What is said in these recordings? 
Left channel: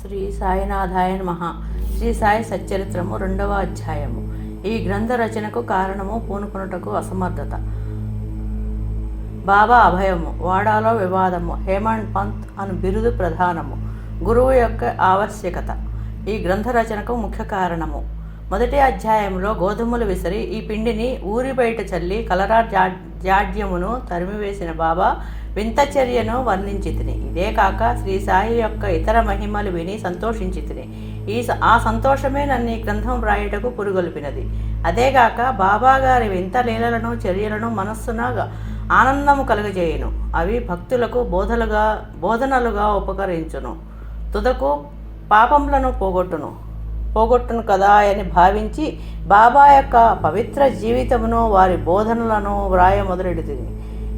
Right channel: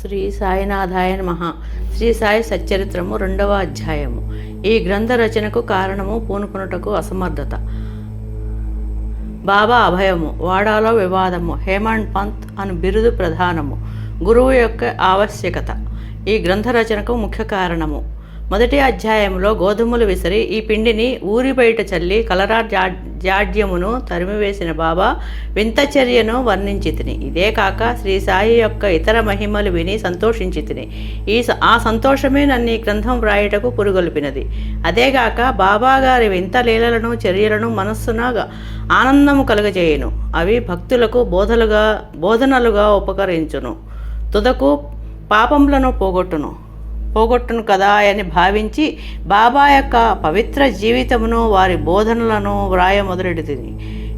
శ్రీ సాయినాథాయ నమః. శ్రీ సాయి సచ్చరిత్రము 2వ అధ్యాయము. ఈ గ్రంథ రచనకు కారణము పూనుకొనుటకు అసమర్థత. బాబా అభయము, వాడాలో వివాదము, హేమండ్ పంత్ అను బిరుదు ప్రధానము, గురువు యొక్క ఆవశ్యకత ఈ గ్రంథ రచనకు ముఖ్య కారణము. మొదటి అధ్యాయంలో గోధుమలు విసిరి ఈ పిండిని ఊరి బయట చల్లి కలరా జాడ్యమును తరిమివేసిన బాబా వింత చర్యను వర్ణించితిని. ఇదే కాక శ్రీ సాయి యొక్క ఇతర మహిమలు విని సంతోషించితిని. ఆ సంతోషమే నన్ను ఈ గ్రంథం వ్రాయుటకు పురుగొల్పినది. అదేగాక బాబా గారి వింత లీలలను చర్యలను మనస్సున ఆనందము కలుగజేయును. అవి భక్తులకు బోధనలుగా ఉపకరించును. తుదకు పాపములను పోగొట్టును కదా అని భావించి బాబా యొక్క పవిత్ర జీవితమును వారి బోధనలను వ్రాయ మొదలెడుతుంది.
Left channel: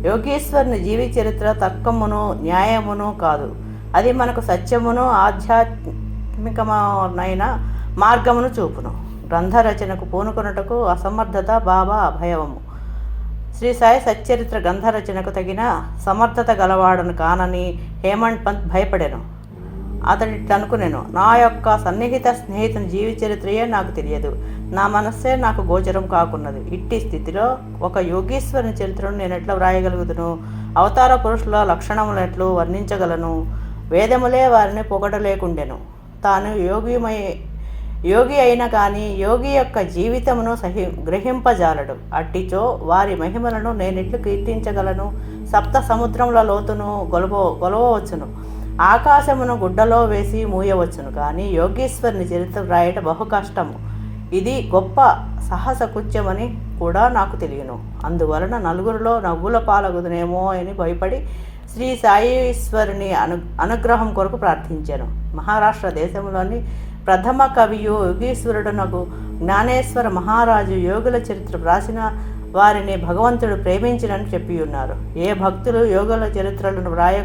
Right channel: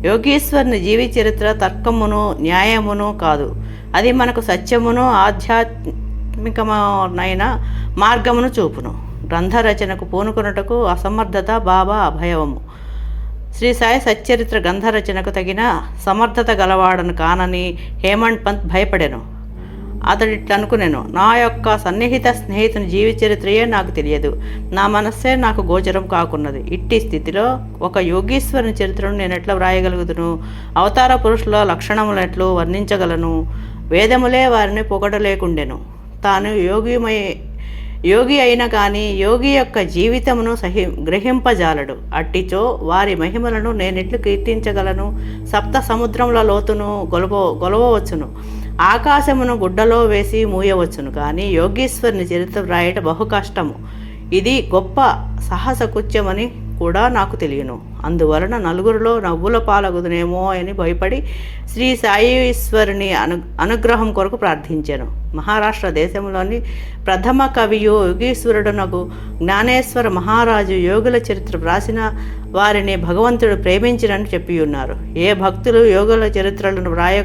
యోగీశ్వరుని జీవి చరిత్ర తర్కమును న్యాయమును కాదు, అది మనకు సత్యమును ఆధ్యాత్మికమైన మార్గమును చూపును. గ్రంథ రచనకు పూనుకొనుటకు అసమర్థత బాబా అభయము. శ్రీ సాయి సచ్చరిత్ర గ్రంథ రచనకు తగిన సమర్థత గలవాడను కానని హేమండ్ పంత్ భయపడెను. అతడిట్లనుకునేను, నా యొక్క సన్నిహిత స్నేహితుని జీవి చరిత్రయే నాకు తెలియదు, నా మనస్సే నాకు గోచరం కాకున్నది. ఇట్టి స్థితిలో ఒక యోగీశ్వరుని చరిత్రను నేను ఎట్లా వ్రాయగలుగుతును? అవతార పురుషుల లక్షణములెట్లు వర్ణించగలను? వేదములే వారిని పొగడలేకుండెను. తాను యోగి అయినా కానీ యోగి యొక్క జీవితమును గ్రహింపజాలడు. అట్టిచో వారి మహిమలను నేనెట్లు కీర్తించగలను? సప్త సముద్రముల లోతును గొలవవచ్చును, ఆకాశమును గుడ్డలో వేసి మూయవచ్చును, కానీ యోగీశ్వరుని చరిత్ర వ్రాయట బహు కష్టము. ఇది గొప్ప సాహస కృత్యమని కూడా నాకు తెలియను. అందువలన నలుగురిలో నవ్వుల పాలగుదునేమో అని భయపడి శ్రీ సాయీశ్వరుని అనుగ్రహం కొరకు ప్రార్థించాను. మహారాష్ట్ర దేశంలోని ప్రథమ కవియు యోగీశ్వరుడునకు జ్ఞానేశ్వర మహారాజు యోగుల చరిత్ర వ్రాసిన వారిని భగవంతుడు ప్రేమించినని చెప్పి ఉన్నారు. ఏ భక్తులు యోగుల చరిత్రలను వ్రాయ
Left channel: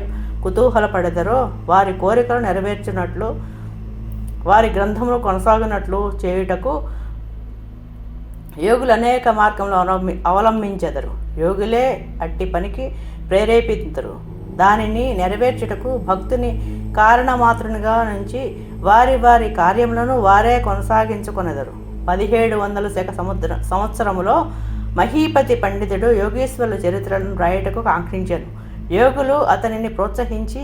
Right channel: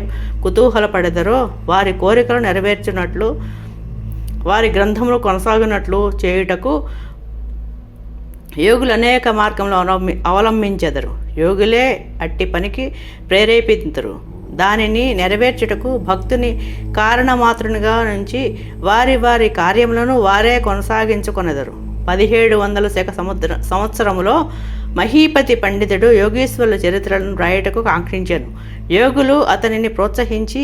కుతూహలపడెదరో వారి కోరికలు నెరవేర్చినట్లు, వారి గ్రంథములు కొనసాగినట్లు చేయుటకు యోగులు అనేక మార్గంలో అవలంబించెదరు. యోగులే అట్టి పనికి ప్రేరేపితురు. దానిని నెరవేర్చుటకు భక్తుని కారణమాత్రునిగా నుంచి వారి కార్యములను వారే కొనసాగించుకొనెదరు. 1700 శక సంవత్సరములో మహీపతి పండితుడు యోగీశ్వరుల చరిత్రలను వ్రాయటకు కాంక్షించాను. యోగులు అతనిని ప్రోత్సహించి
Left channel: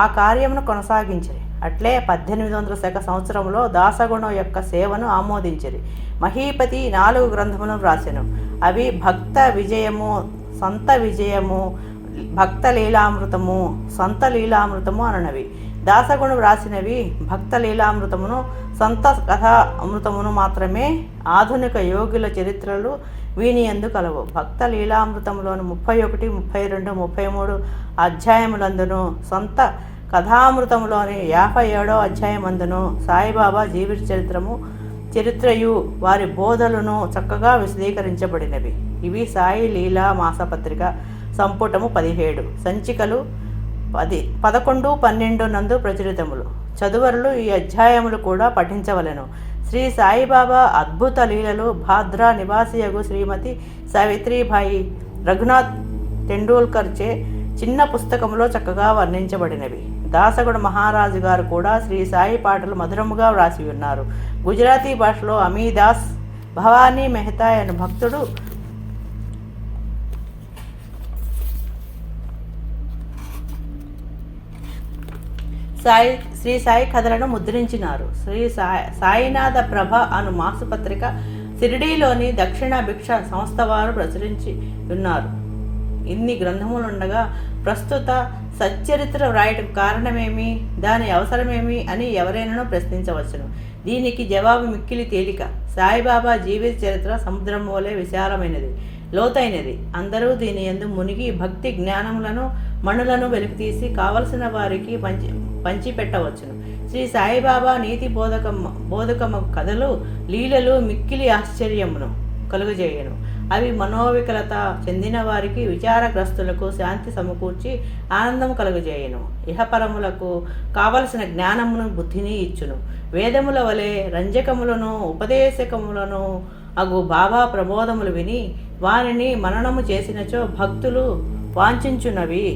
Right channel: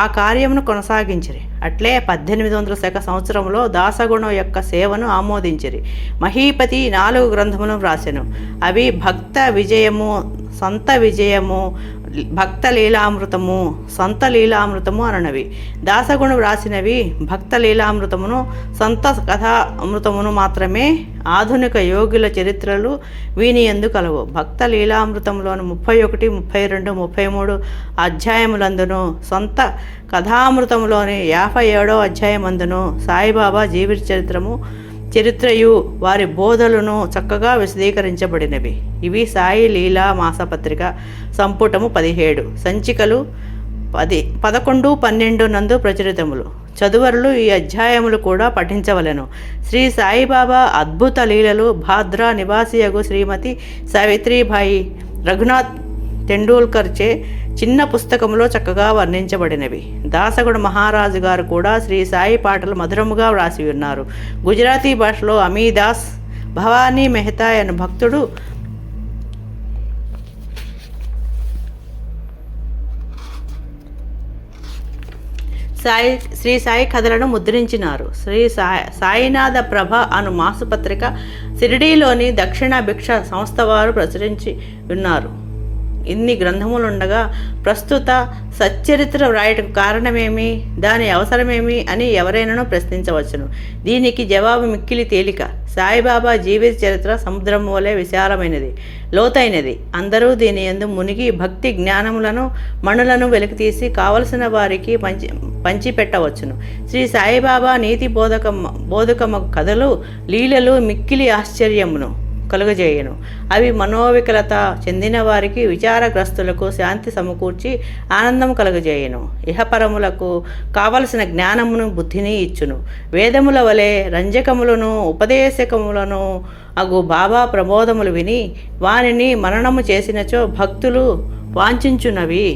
ఆ కార్యమును కొనసాగించిరి. అట్లే 1800 శక సంవత్సరంలో దాసగుణం యొక్క సేవను ఆమోదించిరి. మహీపతి 4 గ్రంథములను వ్రాసెను. అవి భక్త విజయము, సంత విజయము, భక్త లీలామృతము, సంత లీలామృతము అననవి. దాసగుణు వ్రాసినవి భక్త లీలామృతమును, సంత కథా అమృతమును మాత్రమే. ఆధునిక యోగుల చరిత్రలు వీనియందు కలవు. భక్త లీలామృతంలోని 31, 32, 33 అధ్యాయములందును, సొంత కథామృతంలోని 57వ అధ్యాయమందును సాయిబాబా జీవిత చరిత్రయు వారి బోధలను చక్కగా విశదీకరించబడినవి. ఇవి సాయి లీలా మాసపత్రిక సంపుటము 17, సంచికలు 11, 12 నందు ప్రచురితములు. చదువరులు ఈ అధ్యాయములు కూడా పఠించవలెను. శ్రీ సాయిబాబా అద్భుత లీలలు భాద్రా నివాసియగు శ్రీమతి సావిత్రిబాయి రఘునాథ్ టెండూల్కర్చే చిన్న పుస్తకంలో చక్కగా వర్ణించబడినవి. దాసగుడు మహారాజు గారు కూడా శ్రీ సాయి పాటలు మధురముగా వ్రాసి ఉన్నారు. గుజరాతీ భాషలో అమీదాస్ భవానీ మెహతా అనే భక్తుడు శ్రీ సాయి కథలను ముద్రించినారు. శ్రీ సాయినాథ ప్రభ అను మాసపత్రిక షిరిడీలోని దక్షిణ భిక్ష సంస్థ వారు ప్రచురించి ఉన్నారు. ఇన్ని గ్రంథములుండగా ప్రస్తుత సచ్చరిత్ర వ్రాయటకు కారణమేమి, దాని అవసరమేమి అని ఎవరైనానూ ప్రశ్నించవచ్చును. దీనికి జవాబు మిక్కిలి తేలిక. సాయిబాబా జీవిత చరిత్ర సముద్రం వలె విశాలమైనది, లోతైనది. అందరూ దీని యందు మునిగి భక్తి జ్ఞానములను మణులను వెలికితీసి కావలసిన వారికి పంచిపెట్టవచ్చును. శ్రీ సాయిబాబా నీతి బోధకము కథలు లీలలు మిక్కిలి ఆశ్చర్యమును కలుగజేయను. అవి మనోవికలత చెందిన వారికి, విచారగ్రస్తులకు శాంతి సమకూర్చి ఆనందం కలుగజేయను. ఇహపరములకు కావలసిన జ్ఞానమును బుద్ధిని ఇచ్చును. వేదముల వలె రంజకములను ఉపదేశకములను అగు బాబా ప్రబోధములు విని వానిని మననము చేసినచో భక్తులు వాంఛించునవి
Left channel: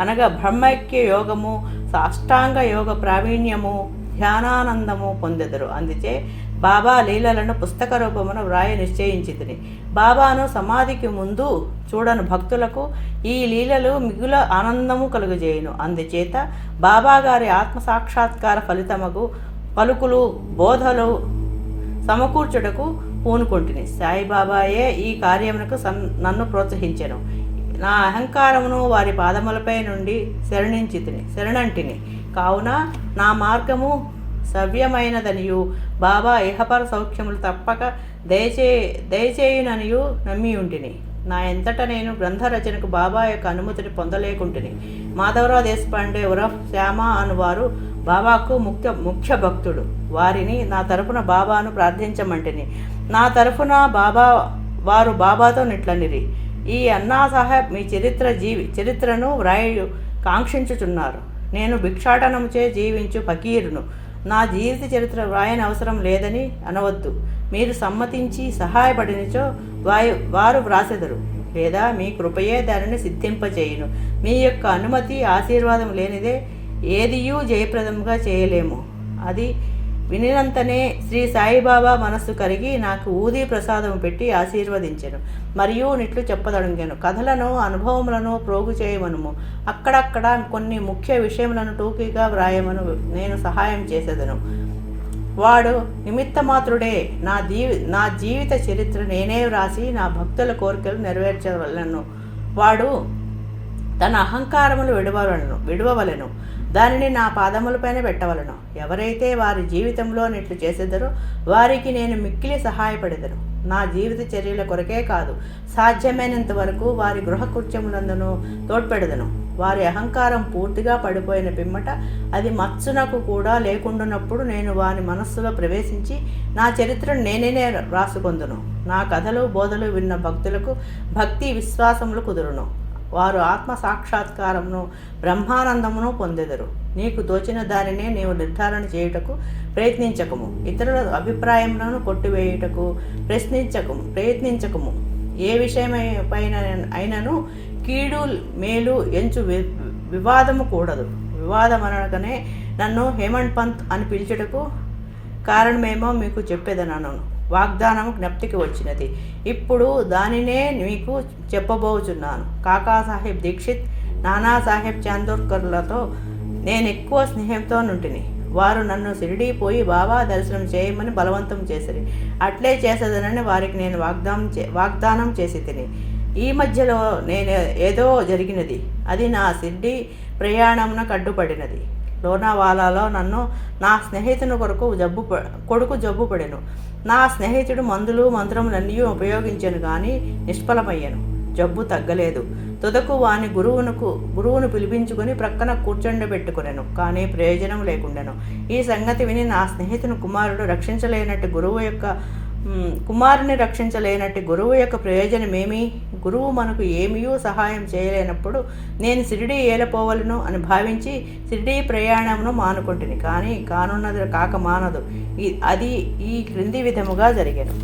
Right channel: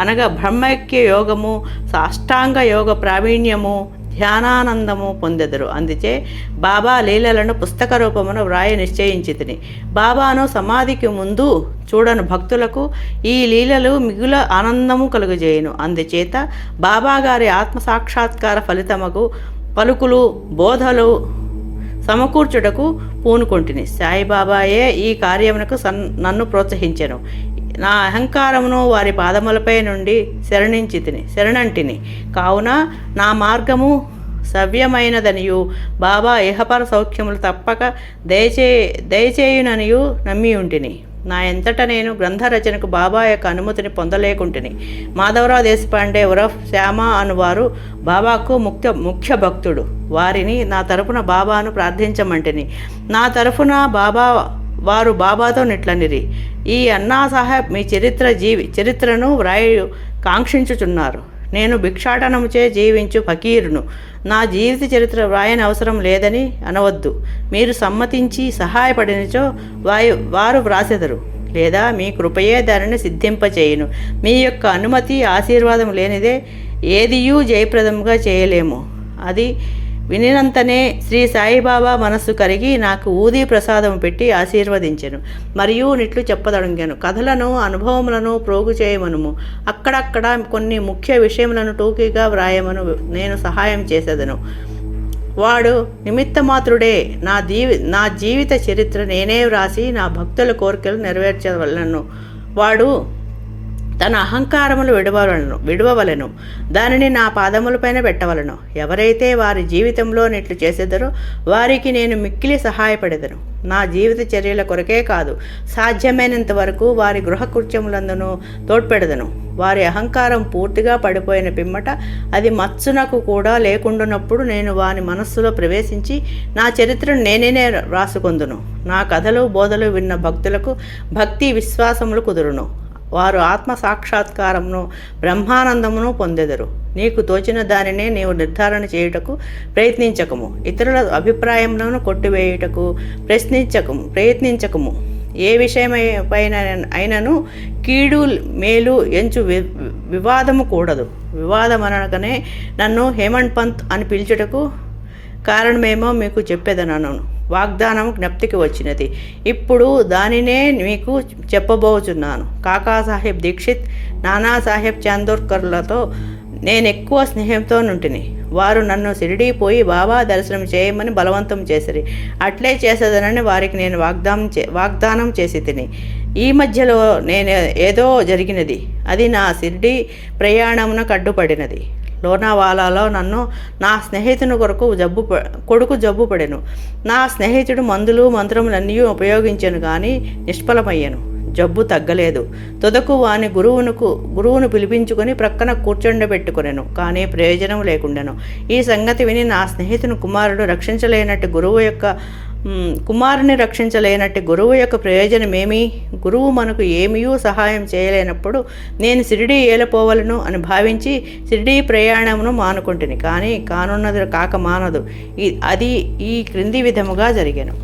అనగా బ్రహ్మైక్య యోగము, సాష్టాంగ యోగ ప్రావీణ్యము, ధ్యానానందము పొందెదరు. అందుచే బాబా లీలలను పుస్తక రూపమును వ్రాయ నిశ్చయించితిని. బాబాను సమాధికి ముందు చూడను భక్తులకు ఈ లీలలు మిగుల ఆనందము కలుగజేయును. అందుచేత బాబాగారి ఆత్మసాక్షాత్కార ఫలితముకు పలుకులు, బోధలు సమకూర్చుటకు పూనుకొంటిని. సాయిబాబాయే ఈ కార్యమునకు నన్ను ప్రోత్సహించెను. నా అహంకారమును వారి పాదములపై నుండి శరణంటిని. కావున నా మార్గము సవ్యమైనదనియు బాబా ఇహపర సౌఖ్యములు తప్పక దయచేయుననియు నమ్మి ఉంటిని. నా ఎంతట నేను గ్రంథ రచనకు బాబా యొక్క అనుమతిని పొందలేకుంటుని. మాధవరావు దేశపాండే ఉరఫ్ శ్యామ అనువారు బాబాకు ముఖ్య భక్తుడు. వారిని నా తరఫున బాబాను ప్రార్థించమంటిని. నా తరఫున వారు బాబాతో నిట్లనిరి, ఈ అన్నా సాహెబ్ మీ చరిత్రను వ్రాయు కాంక్షించుచున్నారు. నేను భిక్షాటనముచే జీవించు ఫకీరును. నా జీవిత చరిత్ర వ్రాయని అవసరం లేదని అనవద్దు. మీరు సమ్మతించి సహాయపడినచో వారు వ్రాసెదరు, లేదా మీ కృపయే దానిని సిద్ధింపచేయును. మీ యొక్క అనుమతి ఆశీర్వాదం లేనిదే ఏదియూ జయప్రదముగా చేయలేము. అది వినినంతనే శ్రీ సాయిబాబా మనస్సు కరిగి నాకు ఊదీ ప్రసాదం పెట్టి ఆశీర్వదించెను. మరియు నిట్లు చెప్పదొడంగాను. కథలను, అనుభవములను ప్రోగు చేయమనుము. అక్కడక్కడ కొన్ని ముఖ్య విషయములను టూకీగా వ్రాయమను నేను సహాయం చేసేదను. వాడు నిమిత్తమాత్రుడే. నా జీవిత చరిత్ర నేనే వ్రాసి నా భక్తుల కోరికలు నెరవేర్చవలను. వాడు తన అహంకారములు విడవవలెను, దానిని నా పాదములపైన పెట్టవలను. ఎవరైతే వారి జీవితంలో నిట్లు చేసేదరో వారికి నేను మిక్కిలి సహాయపడేదను. నా జీవిత చర్యల కొరకే కాదు, సాధ్యమైనంత వరకు వారి గృహకృత్యములందును తోడ్పెడదను. వారి అహంకారం పూర్తిగా పడిపోయిన పిమ్మట అది మత్సునకు కూడా లేకుండానప్పుడు నేను వారి మనస్సులో ప్రవేశించి నా చరిత్రను నేనే రాసుకొందును. నా కథలు, బోధలు విన్న భక్తులకు భక్తి విశ్వాసములు కుదురును. వారు ఆత్మ సాక్షాత్కారమును, బ్రహ్మానందమును పొందెదరు. నీకు తోచిన దానినే నీవు నిర్ధారణ చేయుటకు ప్రయత్నించకము. ఇతరుల అభిప్రాయములను కొట్టివేయుటకు ప్రయత్నించకము. ఏ విషయమైపైన అయినను కీడు మేలు ఎంచు వివాదము కూడదు. వివాదమనగానే నన్ను హేమంత్ పంత్ అని పిలుచుటకు కారణమేమో మీకు చెప్పేదనను. వాగ్దానం జ్ఞప్తికి వచ్చినది. ఇప్పుడు దానినే మీకు చెప్పబోచున్నాను. కాకాసాహెబ్ దీక్షిత్, నానాసాహెబ్ చాందోర్కర్లతో నేనెక్కువ స్నేహంతో నుంటిని. వారు నన్ను షిరిడీ పోయి బాబా దర్శనం చేయమని బలవంతం చేసిరి. అట్లే చేసేదనని వారికి నేను వాగ్దానం చేసి తిని. ఈ మధ్యలో ఏదో జరిగినది. అది నా షిరిడీ ప్రయాణమునకు అడ్డుపడినది. లోనావాలాలో నన్ను నా స్నేహితుని కొడుకు జబ్బు పడెను. నా స్నేహితుడు మందులు మంత్రములన్నీ ఉపయోగించాను కానీ నిష్ఫలమయ్యాను. జబ్బు తగ్గలేదు. తుదకు వాని గురువును పిలిపించుకొని ప్రక్కన కూర్చొండబెట్టుకునేను. కానీ ప్రయోజనం లేకుండాను. ఈ సంగతి విని నా స్నేహితుని కుమారుని రక్షించలేనట్టు గురువు యొక్క ప్రయోజనమేమి? గురువు మనకు ఏమీయూ సహాయం చేయలేనప్పుడు నేను షిరిడీ ఏలపోవలను అని భావించి షిరిడీ ప్రయాణమును మానుకుంటుని. కానీ కానున్నది కాక మానదు. అది ఈ క్రింది విధముగా జరిగాను.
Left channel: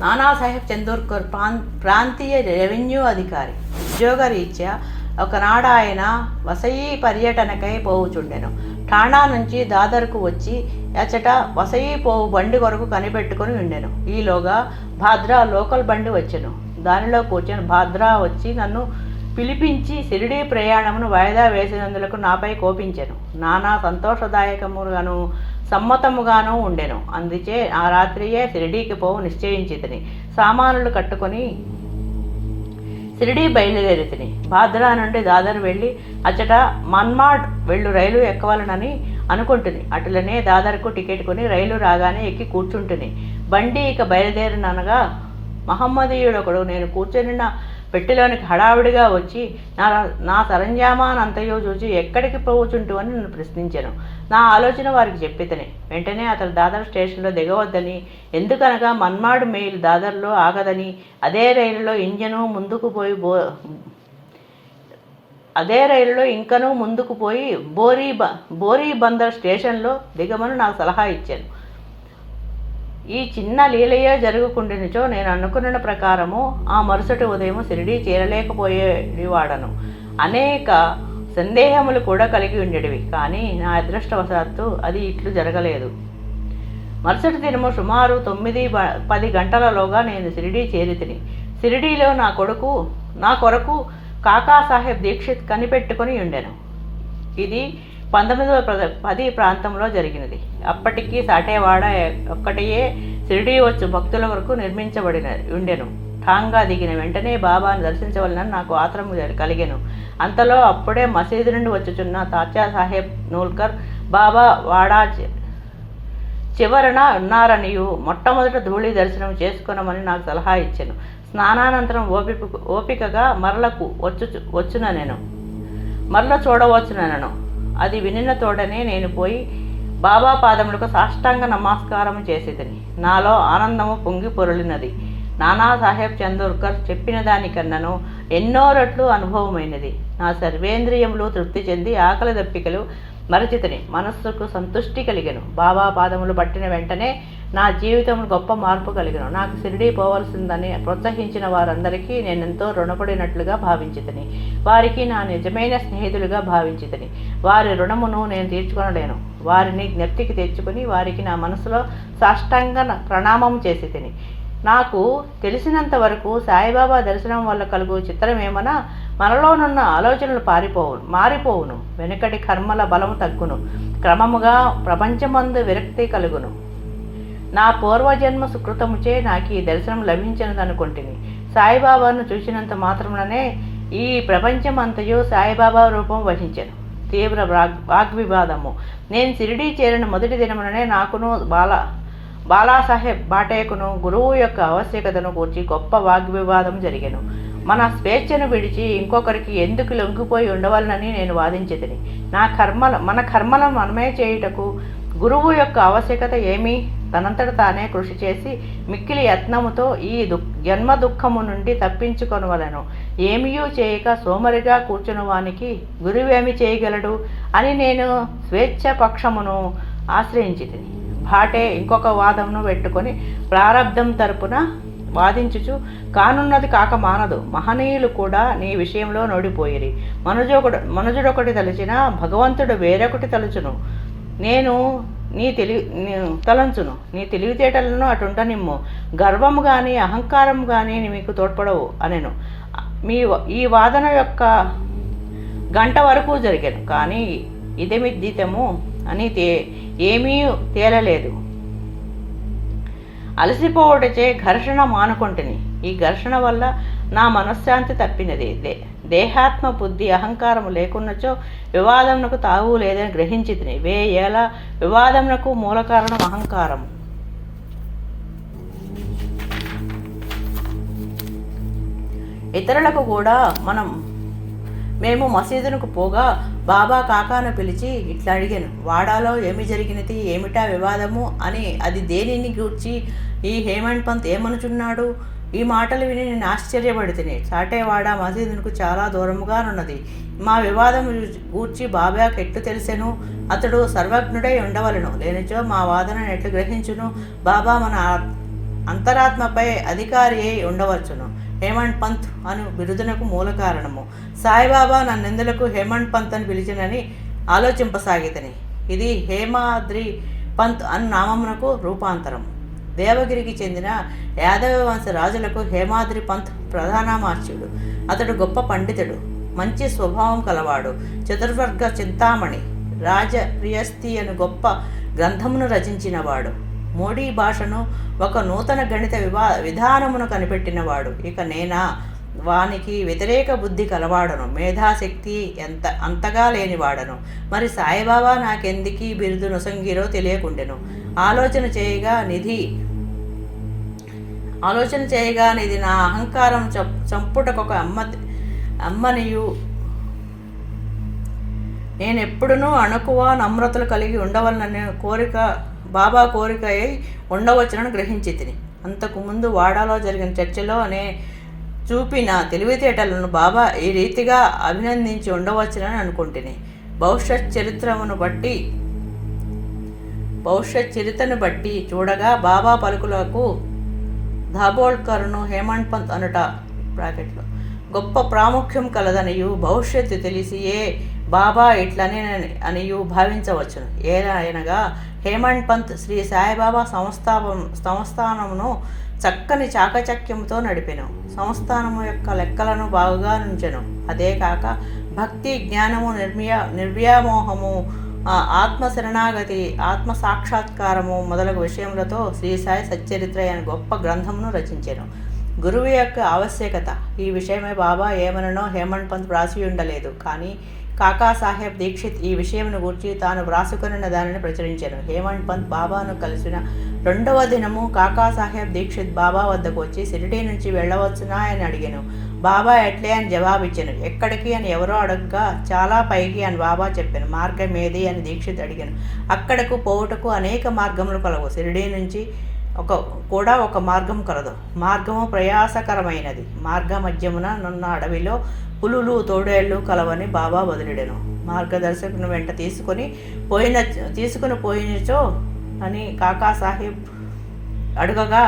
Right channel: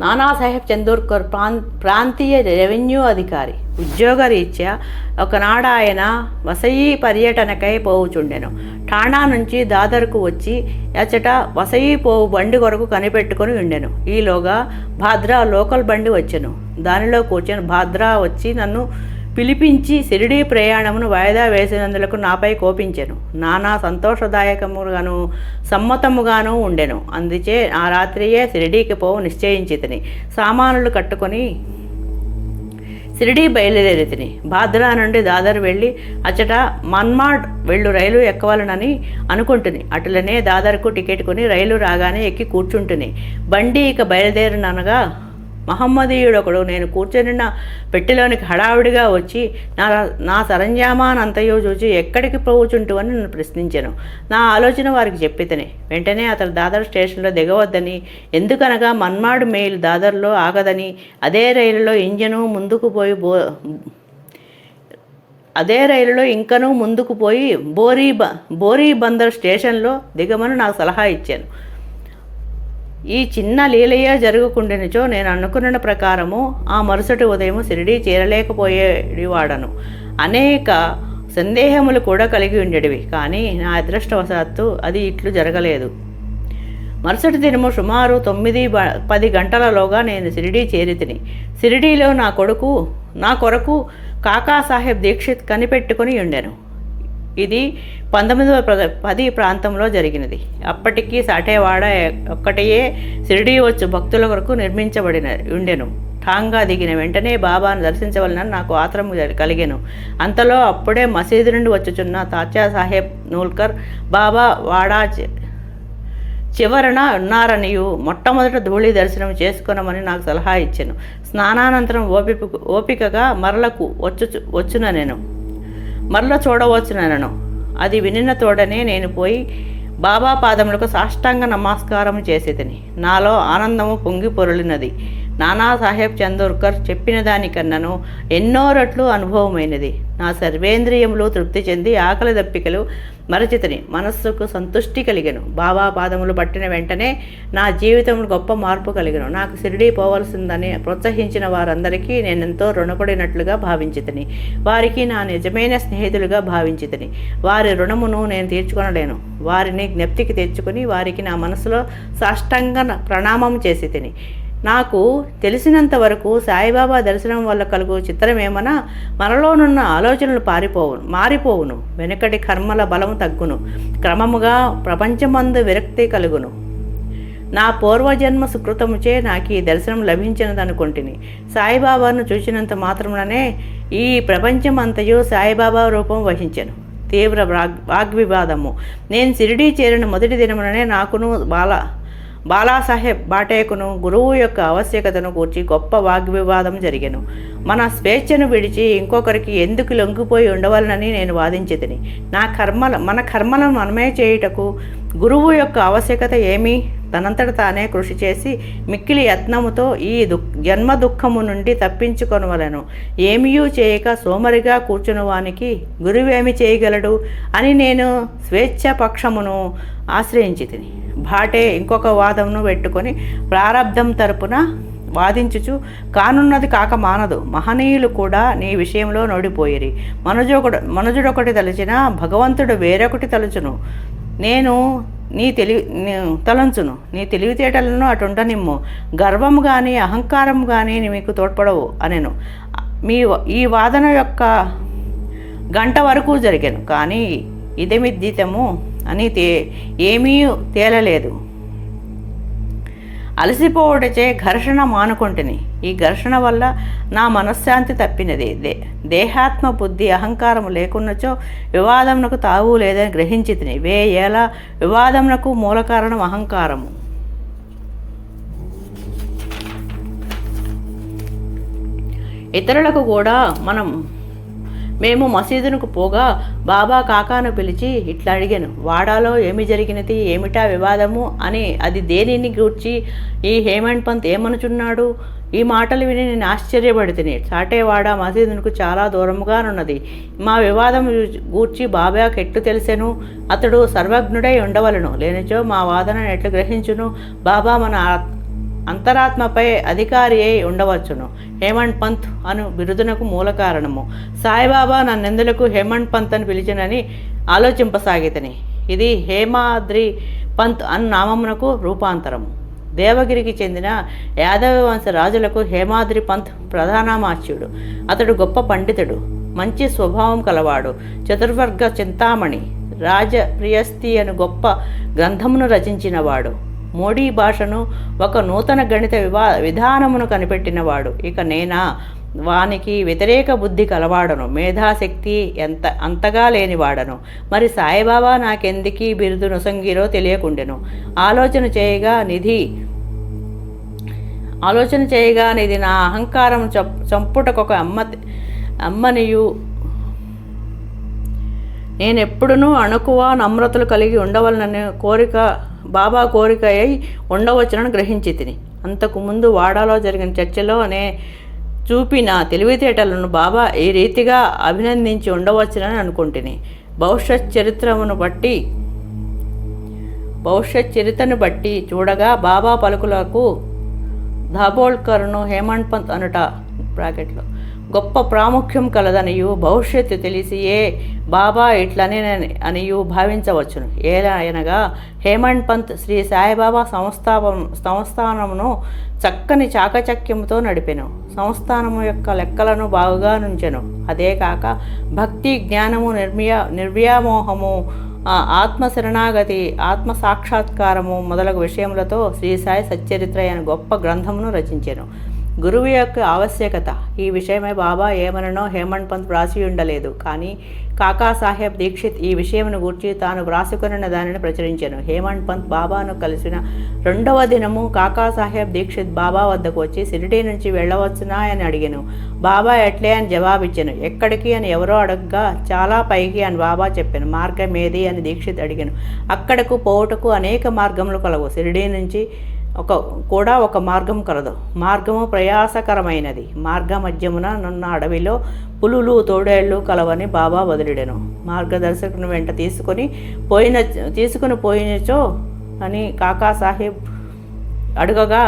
నానాసాహెబ్ చందోర్కర్ ప్రాంతీయ రెవెన్యూ అధికారి. ఉద్యోగరీత్యా ఒకనాడు ఆయన వసయి పర్యటనకై పోవుచుండెను. ఠాణా నుంచి దాదర్కు వచ్చి అచట వసయి పోవు బండి కొరకు కనిపెట్టుకొని ఉండెను. ఈలోగా భాద్రా లోకల్ బండి వచ్చెను. దానిలో కూర్చొని భాద్రా వచ్చి నన్ను పిలిపించి షిరిడీ ప్రయాణమును వాయిదా వేసినందులకు నాపై కోపించెను. నానా సంతోషదాయకముగాను సమ్మతముగాను ఉండెను. అందుచే ఆ రాత్రియే షిరిడీకి పోవు నిశ్చయించితిని. సామానులు కట్టుకొని షిరిడీ బయలుదేరితిని. భాద్రా నుండి దాదర్ వెళ్ళి అచట మన్మాడ్ వెళ్ళు రైలు ఎక్కవాలనని అనుకుంటుని. అటులనే దాదర్కు టికెట్ కొని రైలు రాగానే ఎక్కి కూర్చుంటుని. బండి ఇక బయలుదేరిననగా మహమ్మదీయుడొకడు నేను కూర్చొనిన్న పెట్టెలోనికి హడావుడిగా వచ్చి నా సరంజామానంతయో చూచి ఎక్కడికి పోవుచుంటూ అని నన్ను ప్రశ్నించాను. నా ఆలోచన వారికి చెప్పితేనే వెంటనే అతను దాదర్ స్టేషన్లో దిగవద్దని, ఎందుకనగా మన్మాడ్ మెయిల్ దాదర్లో ఆగదని, అదే రైలులో ఇంజను ముందుకు పోయి అదే రైలులో ఇంకనూ ముందుకు పోయి బోరీబందర్ స్టేషన్లో దిగమని నాకు సలహా ఇచ్చాను. ఈ చిన్న లీలయ్య జరుగుకుండినచో నేను అనుకున్న ప్రకారము ఆ మరుసటి ఉదయం షిరిడీ చేరలేకపోయేవాడను. అనేక సందేహములు కూడా కలిగి ఉండేవి. కానీ నా అదృష్టవశాత్తు అది ఇట్లు జరగలేదు. మరుసటి దినము సుమారు 9-10 గంటలలోగా నేను షిరిడీ చేరితిని. షిరిడీలో నా కొరకు కాకాసాహెబ్ దీక్షిత్ కనిపెట్టుకుని ఉండెను. ఇది 1910 ప్రాంతంలో జరిగినది. అప్పటికి సాటేవాడ ఒక్కటియే షిరిడీ వచ్చు భక్తుల కొరకు నిర్మించబడిన ఉండెను. ఠాంగా దిగిన వెంటనే బాబాను దర్శించవలనని నాకు ఆత్రం కలిగెను. అంతలో అప్పుడే మసీదు నుండి వచ్చుచున్న తాత్యా సాహెబ్ నూల్కర్ బాబా వాడా చివరన ఉన్నారనియు మొట్టమొదట ధూళి దర్శనం చేసుకున్నామని నాకు సలహా ఇచ్చాను. స్నానానంతరం ఓపికగా మరల చూడవచ్చునను. అది వినిన తోడనే నేను పోయి బాబా పాదములకు సాష్టాంగ నమస్కారం చేసేదని. నాలో ఆనందము పొంగి పొరలినది. నానాసాహెబ్ చందోర్కర్ చెప్పిన దానికన్నను ఎన్నో రెట్లు అనుభవమైనది. నా సర్వేంద్రియములు తృప్తి చెంది ఆకలి దప్పికలు మరచితిని. మనస్సుకు సంతుష్టి కలిగెను. బాబా పాదములు పట్టిన వెంటనే నా జీవితంలో గొప్ప మార్పు కలిగెను. నాకు షిరిడీ పోవలసిందని ప్రోత్సహించిన వారందరికీ నేనెంతో రుణపడినట్లుగా భావించితిని. వారికి నా నిజమైన స్నేహితులుగా భావించితిని. వారి రుణమును నేను తీర్చుకొనలేను. వారిని జ్ఞప్తికి తెచ్చుకుని వారికి నా మనసులో సాష్టాంగ ప్రణామం చేసి తిని. నాకు తెలిసినంత వరకు సాయిబాబా దర్శనం వల్ల కలుగు చిత్రమేమన్నా మనలోనున్న ఆలోచనలు మారిపోవును. వెనుకటి కర్మల బలము తగ్గును. క్రమముగా ప్రపంచమందు విరక్తి కలుగును. నా పూర్వజన్మ సుకృతముచే నాకు ఈ దర్శనం లభించినదనుకుంటుని. సాయిబాబాను చూసినంత మాత్రముననే ఈ ప్రపంచమంతయు సాయిబాబా రూపం వహించెను. తీవ్ర వాగ్వివాదము. నేను షిరిడీ చేరిన మొదటి దినముననే నాకును బాలాసాహెబ్ బాటేకును గురువు యొక్క ఆవశ్యకతను గూర్చి గొప్ప వాగ్వివాదం జరిగెను. మన స్వేచ్ఛను విడిచి ఇంకొకరికి ఎందుకు లొంగిపోయి ఉండవాలని నేను వాదించితిని. మన కర్మలను మనమే చేయుటకు గురువు యొక్క ఆవశ్యకత ఏమీ? తనంతట తానే కృషి చేసి మిక్కిలి యత్నముతో ఈ జన్మ దుఃఖము నుండి తప్పించుకొనవలను. ఏమీయూ చేయక సోమరిగా కూర్చున్నవానికి గురువేమి చేయగలడు అని నేను స్వేచ్ఛపక్షమును ఆశ్రయించితిని. భాటే ఇంకొక వాదమును పెట్టుకొని ప్రారబ్ధం తరపున వాదించుచు కానున్నది కాక మానదు. మహనీయులు కూడా నీ విషయంలో నోడిపోయిరి. మనుజుడొకటి తలచిన భగవంతుడు వేరొకటి తలుచును. నేను తలంచును. నీ తెలివితేటలను అటుంటనిమ్ము. గర్వము కానీ అహంకారం కానీ మీకు తోడ్పడవు అనెను. ఈ వాదన యొక్క గంట వరకు జరిగాను. కానీ ఇదమిద్దితము అని ఏమీ తేలలేదు. అలసిపోవటచే ఘర్షణ మానుకొంటిని. ఈ ఘర్షణ వల్ల నా మనశ్శాంతి తప్పినది. దేహాత్మ బుద్ధి అహంకారము లేకున్నచో వివాదమునకు తావు లేదని గ్రహించితిని. వేయేలా వివాదమునకు మూల కారణం అహంకారము. ఇతరులకు కూడా మేము మసీదునకు పోగా బాబా కాకాను పిలిచి ఇట్లా అడిగాను. వాడాలో ఏమి జరిగినది, ఏమిటా వివాదము అని, అది దేనిని గూర్చి ఈ హేమంత్ పంత్ ఏమనుచున్నాడు? ఈ మాటలు విని నేను ఆశ్చర్యపడితిని. సాటేవాడ మసీదునకు చాలా దూరముగానున్నది. మా వివాదము గూర్చి బాబాకి ఎట్లు తెలిసెను? అతడు సర్వజ్ఞుడై ఉండవలను. లేనిచో మా వాదన ఎట్లు గ్రహించును? బాబా మన అంతరాత్మపై అధికారి అయి ఉండవచ్చును. హేమంత్ పంత్ అను బిరుదునకు మూల కారణము. సాయిబాబా నన్నెందులకు హేమంత్ పంత్ అని పిలిచినని ఆలోచింపసాగితని. ఇది హేమాద్రి పంత్ అను నామమునకు రూపాంతరము. దేవగిరికి చెందిన యాదవ వంశ రాజులకు హేమాద్రి పంత్ ప్రధానమాచ్యుడు. అతడు గొప్ప పండితుడు, మంచి స్వభావం కలవాడు. చతుర్వర్గ చింతామణి రాజప్రియస్తి అను గొప్ప గ్రంథమును రచించినవాడు. మోడీ భాషను ఒక నూతన గణిత విధానమును కనిపెట్టినవాడు. ఇక నేనా వానికి వ్యతిరేక బుద్ధి కలవాడను, మేధాశక్తి అంతగా లేనివాడను. మరి సాయిబాబా నాకెందుకీ బిరుదు నొసంగిరో తెలియకుండెను. ఆలోచన చేయగా నిధి నా అహంకారం చంపుటకొక అమ్మనియు నేనెప్పుడునూ అణుకువ నమ్రతలు కలిగి ఉండవలననే బాబా కోరిక అయి ఉండవచ్చునని గ్రహించి తిని. అంతకుముందు వాడాలో జరిగిన చర్చలో చూపిన తెలివితేటలను బాబా ఈ రీతిగా అభినందించి ఉండవచ్చునని అనుకుంటుని. భవిష్యత్ చరిత్రను బట్టి చూడగా బాబా పలుకులకు దాబోల్కర్ను హేమంత్ పంత్ అనుట బ్రాకెట్లో గొప్ప ప్రాముఖ్యం కలదనియు భవిష్యత్తు తెలిసియే బాబా ఇట్లనే అనియు భావించవచ్చును. ఎలా అనగా హేమంత్ పంత్ శ్రీ సాయిబాబా సంస్థానమును చక్కని చాకచక్యముతో నడిపెను. సంస్థానము యొక్క లెక్కలను బాగుగా నుంచెను. అదే కాక భక్తి, జ్ఞానము, నిర్వ్యామోహము, ఆత్మ శరణాగతి, ఆత్మ సాక్షాత్కారము మొదలగు విషయములతో శ్రీ సాయి సచ్చరిత్ర అనే గొప్ప గ్రంథమును రచించెను. గురువు యొక్క ఆవశ్యకత ఈ విషయమై బాబా ఏమననో హేమంత్ పంత్ వ్రాసి ఉండలేదు. కానీ కాకాసాహెబ్ దీక్షిత్ ఈ విషయమును గూర్చి తాను వ్రాసుకొనిన దానిని ప్రచురించెను. హేమంత్ పంత్ బాబాను కలిసిన 2వ దినము కాకాసాహెబ్ దీక్షిత్ బాబా వద్దకు వచ్చి షిరిడీ నుంచి వెళ్ళవచ్చునా అని అడిగాను. బాబా ఎట్లే అని జవాబిచ్చాను. ఎక్కడికి అని ఎవరో అడగగా చాలా పైకి అని బాబా చెప్పాను. మార్గం ఏది అని దీక్షిత్ అడిగాను. అక్కడకు పోవుటకు అనేక మార్గములు కలవు. షిరిడీ నుంచి కూడా ఒక మార్గం కలదు. మార్గము ప్రయాసకరమైనది. మార్గ మధ్యమున నున్న అడవిలో పులులు, తోడేళ్లు కలవని బాబా వదిలిడెను. మార్గదర్శకుని వెంట తీసుకుని పోయినచో అని కాకాసాహెబ్ అడుగగా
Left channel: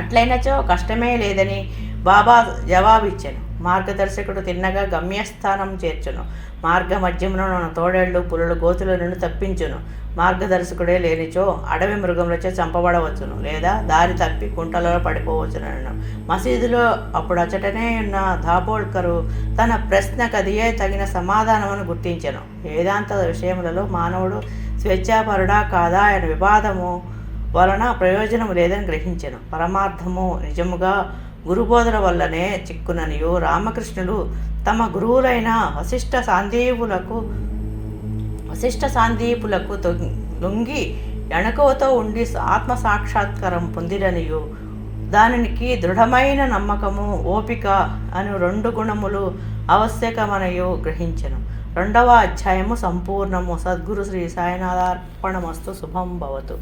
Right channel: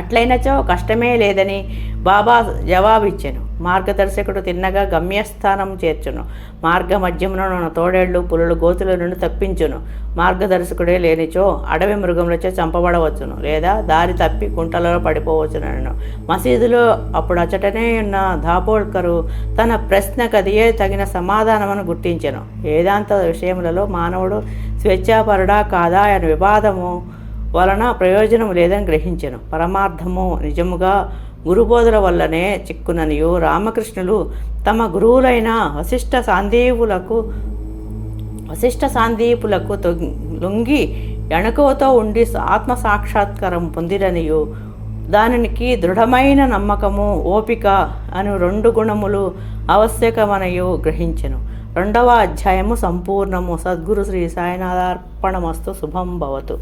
అట్లయినచో కష్టమే లేదని బాబా జవాబిచ్చాను. మార్గదర్శకుడు తిన్నగా గమ్యస్థానం చేర్చును. మార్గ మధ్యమున తోడేళ్లు, పులులు, గోతుల నుండి తప్పించును. మార్గదర్శకుడే లేనిచో అడవి మృగములచే చంపబడవచ్చును, లేదా దారి తప్పి కుంటలలో పడిపోవచ్చునను. మసీదులో అప్పుడు అచటనే ఉన్న దాబోల్కరు తన ప్రశ్నకదియే తగిన సమాధానమును గుర్తించెను. వేదాంత విషయములలో మానవుడు స్వేచ్ఛాపరుడా కాదా అనే వివాదము వలన ప్రయోజనం లేదని గ్రహించెను. పరమార్థము నిజముగా గురుబోధన వల్లనే చిక్కుననియు రామకృష్ణులు తమ గురువులైన వశిష్ఠ సాందీపులకు లొంగి ఎణకువతో ఉండి ఆత్మసాక్షాత్కారం పొందిరనియు దానికి దృఢమైన నమ్మకము, ఓపిక అను 2 గుణములు ఆవశ్యకమనియు గ్రహించెను. 2వ అధ్యాయము సంపూర్ణము. సద్గురు శ్రీ సాయినాథార్పణమస్తు. శుభం భవతు.